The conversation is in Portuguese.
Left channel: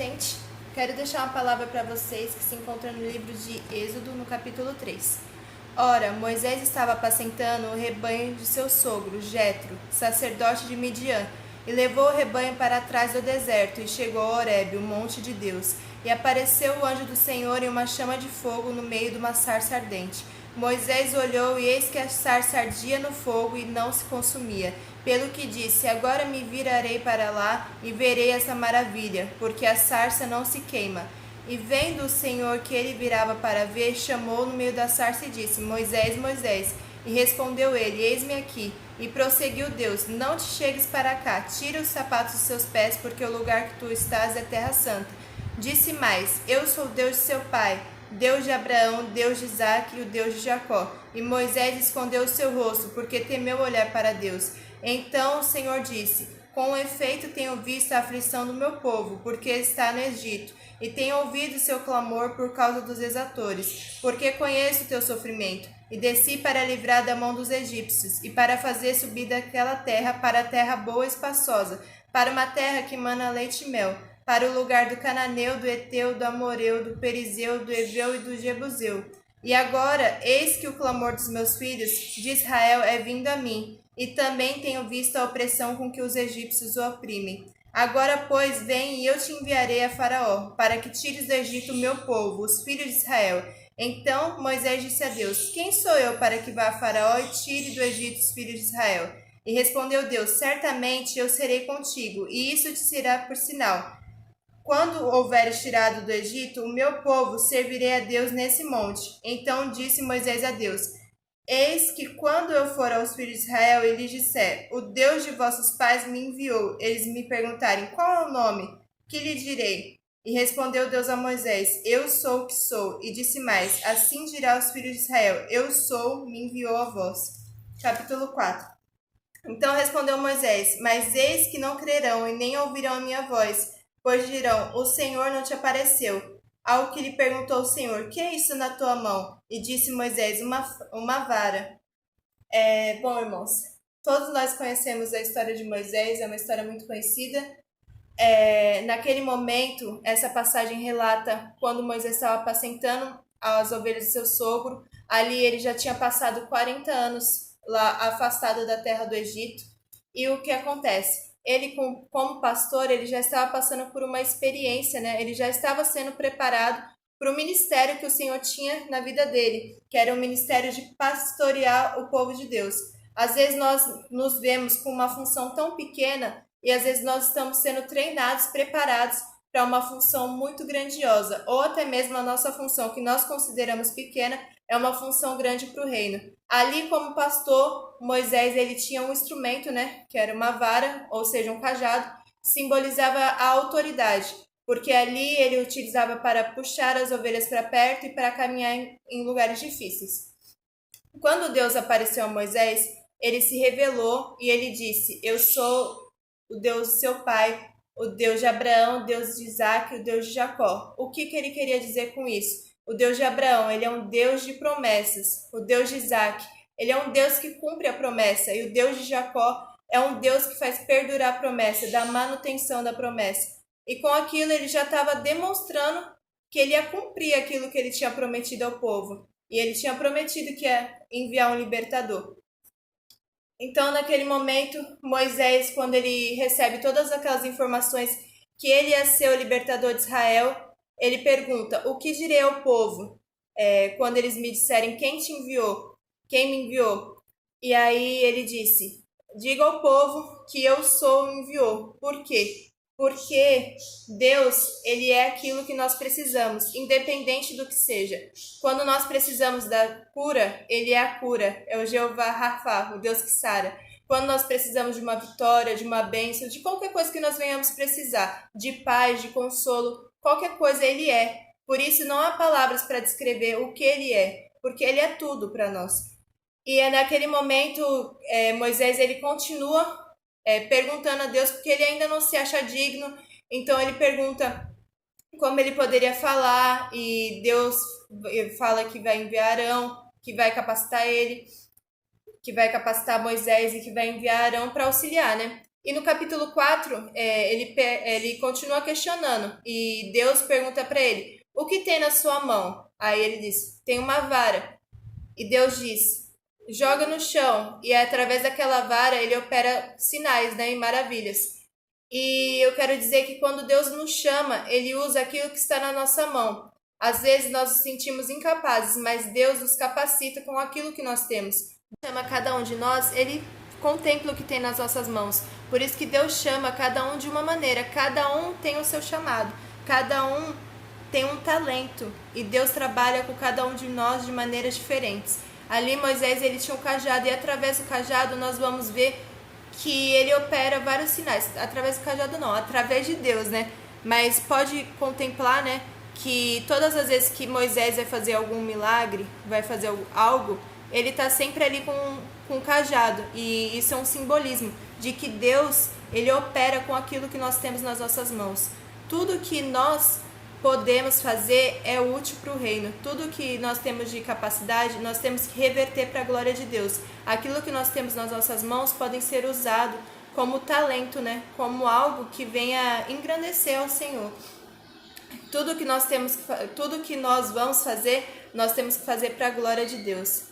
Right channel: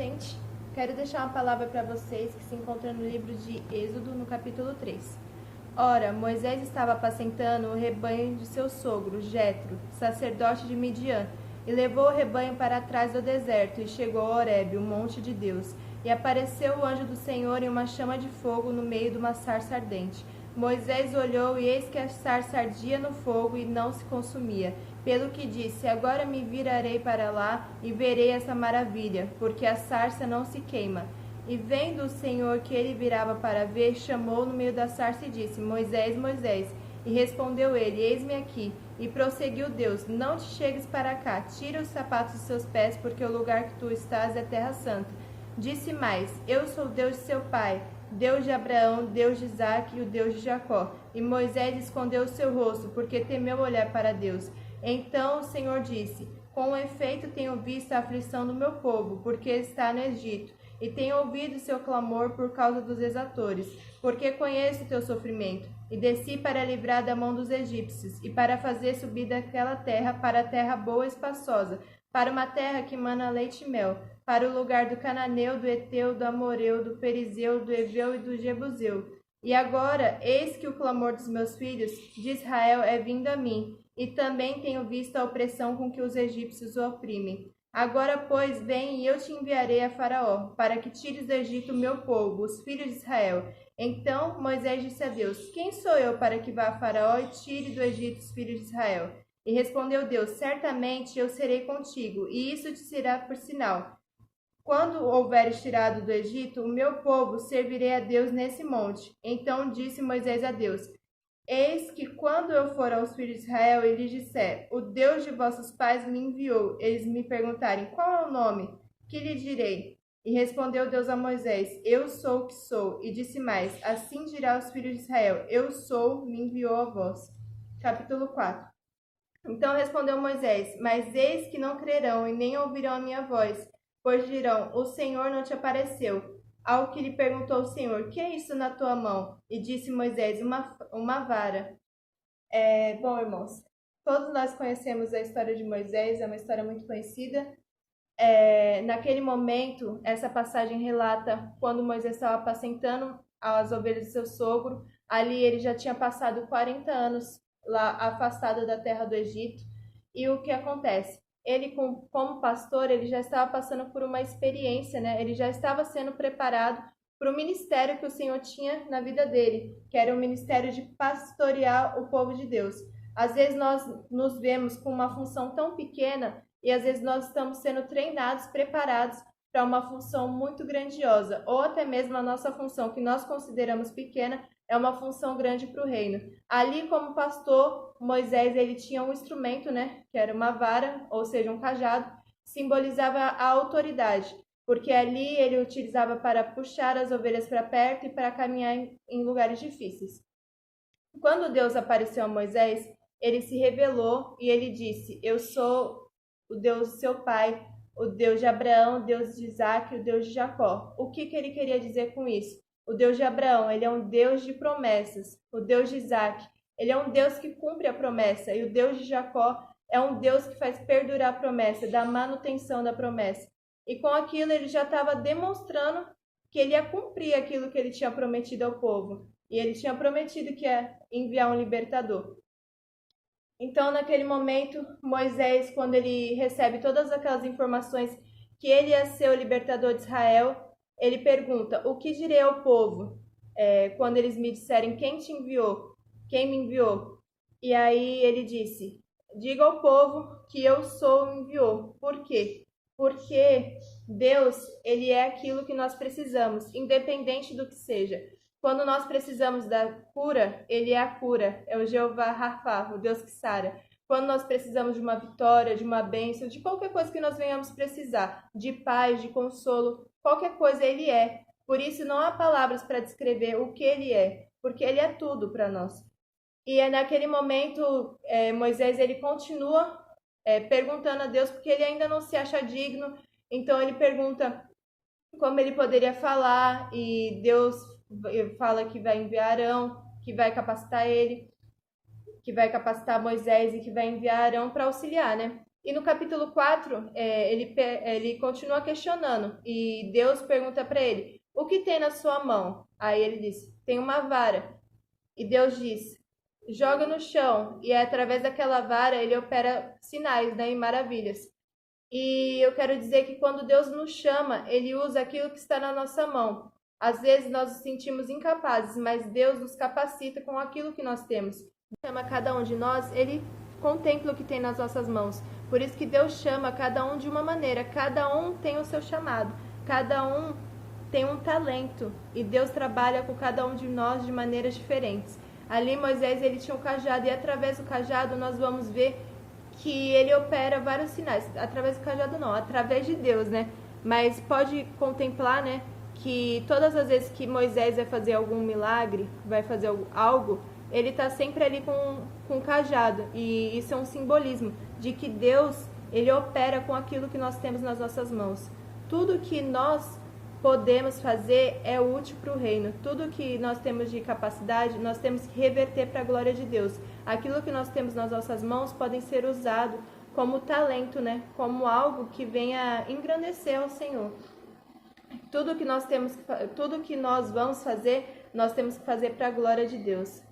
gente. Quero deixar uma palavra para vocês que se encontra no livro de Êxodo, no capítulo 3. Ora, Moisés estava apacentando o rebanho de seu sogro, Jetro, sacerdote de Midian, e levou o rebanho para trás do deserto, e chegou a Horebe, o monte de Deus. E apareceu o anjo do Senhor em uma chama de fogo no meio de uma sarça ardente. Moisés olhou, e eis que a sarça ardia no fogo e não se consumia. Pelo que disse: agora me virarei para lá e verei essa maravilha, porque a sarça não se queima. E vendo o Senhor que ele virava para ver, chamou no meio da sarça e disse: Moisés, Moisés. E respondeu ele: eis-me aqui. E prosseguiu Deus: não te chegues para cá, tira os sapatos dos seus pés, porque o lugar que tu estás é terra santa. Disse mais: eu sou Deus de seu pai, Deus de Abraão, Deus de Isaque e o Deus de Jacó. E Moisés escondeu o seu rosto, porque temeu olhar para Deus. Então o Senhor disse: com efeito tenho visto a aflição do meu povo, porque está no Egito, e tenho ouvido seu clamor por causa dos exatores, porque conheço o teu sofrimento, e desci para livrar da mão dos egípcios, e para fazer subir daquela terra para a terra boa e espaçosa, para uma terra que mana leite e mel, para o lugar do cananeu, do Eteu, do Amoreu, do Perizeu, do Eveu e do Jebuseu. E agora, eis que o clamor dos meus filhos de Israel é vindo a mim, e também tenho visto a opressão com que os egípcios o oprimem. Agora, pois, vem e eu te enviarei a Faraó, para que tires do Egito o meu povo, os filhos de Israel. Então Moisés disse a Deus: quem sou eu para que vá a Faraó e tire do Egito os filhos de Israel? E respondeu Deus: certamente eu serei contigo, e isso te será por sinal. Quando houveres tirado do Egito o meu povo, servirei a Deus nesse monte. Então disse Moisés a Deus: eis que quando eu for aos filhos de Israel e lhes disser: o Deus de vossos pais me enviou, eles me perguntarem: qual é o nome? Que lhe direi? E respondeu Deus a Moisés: eu sou o que sou. E disse mais: assim dirá aos filhos de Israel: eu sou, me enviou a vós. Capítulo 4. Então respondeu Moisés: mas eis que não crerão e nem ouvirão a minha voz, pois dirão: o Senhor não te apareceu. Ao que lhe perguntou o Senhor: que é isso na tua mão? E disse Moisés: uma vara. Bom, irmãos, todos nós conhecemos a história de Moisés, é uma história muito conhecida. Naquele momento, essa passagem relata quando Moisés estava apacentando as ovelhas do seu sogro. Ali ele já tinha passado 40 anos lá afastado da terra do Egito. E o que acontece? Ele, como pastor, ele já estava passando por uma experiência, né? Ele já estava sendo preparado para o ministério que o Senhor tinha na vida dele, que era o ministério de pastorear o povo de Deus. Às vezes nós nos vemos com uma função tão pequena e às vezes nós estamos sendo treinados, preparados para uma função muito grandiosa, ou até mesmo a nossa função que nós consideramos pequena é uma função grande para o reino. Ali, como pastor, Moisés ele tinha um instrumento, né, que era uma vara, ou seja, um cajado, simbolizava a autoridade, porque ali ele utilizava para puxar as ovelhas para perto e para caminhar em lugares difíceis. Quando Deus apareceu a Moisés, ele se revelou e ele disse: eu sou o Deus do seu pai, o Deus de Abraão, o Deus de Isaque, o Deus de Jacó. O que ele queria dizer com isso? O Deus de Abraão, ele é um Deus de promessas. O Deus de Isaque, ele é um Deus que cumpre a promessa. E o Deus de Jacó é um Deus que faz perdurar a promessa, da manutenção da promessa. E com aquilo ele já estava demonstrando que ele ia cumprir aquilo que ele tinha prometido ao povo. E ele tinha prometido que ia enviar um libertador. Então, naquele momento, Moisés, quando ele recebe todas aquelas informações que ele ia ser o libertador de Israel, ele pergunta: o que direi ao povo quando eles me disserem quem te enviou, quem me enviou? E aí ele disse: diga ao povo que eu sou o enviou. Por quê? Porque Deus, ele é aquilo que nós precisamos, independente do que seja. Quando nós precisamos da cura, ele é a cura, é o Jeová Rafa, o Deus que sara. Quando nós precisamos de uma vitória, de uma bênção, de qualquer coisa que nós venhamos precisar, de paz, de consolo, qualquer coisa ele é. Por isso não há palavras para descrever o que ele é, porque ele é tudo para nós. E naquele momento, Moisés ele continua perguntando a Deus porque ele ainda não se acha digno. Então ele pergunta como ele poderia falar, e Deus fala que vai enviar Arão, que vai capacitar ele, que vai capacitar Moisés e que vai enviar Arão para auxiliar, né? E no capítulo 4, ele continua questionando. E Deus pergunta para ele: o que tem na sua mão? Aí ele diz: tem uma vara. E Deus diz: joga no chão. E através daquela vara ele opera sinais, né, e maravilhas. E eu quero dizer que quando Deus nos chama, ele usa aquilo que está na nossa mão. Às vezes nós nos sentimos incapazes, mas Deus nos capacita com aquilo que nós temos. Chama cada um de nós, ele contempla o que tem nas nossas mãos. Por isso que Deus chama cada um de uma maneira, cada um tem o seu chamado, cada um tem um talento e Deus trabalha com cada um de nós de maneiras diferentes. Ali Moisés ele tinha um cajado e através do cajado nós vamos ver que ele opera vários sinais. Através do cajado não, através de Deus, né? Mas pode contemplar, né, que todas as vezes que Moisés vai fazer algum milagre, vai fazer algo, ele está sempre ali com um cajado. E isso é um simbolismo de que Deus, ele opera com aquilo que nós temos nas nossas mãos. Tudo que nós podemos fazer é útil para o reino. Tudo que nós temos de capacidade, nós temos que reverter para a glória de Deus. Aquilo que nós temos nas nossas mãos podem ser usado como talento, né? Como algo que venha engrandecer ao Senhor. Tudo que nós vamos fazer, nós temos que fazer para a glória de Deus.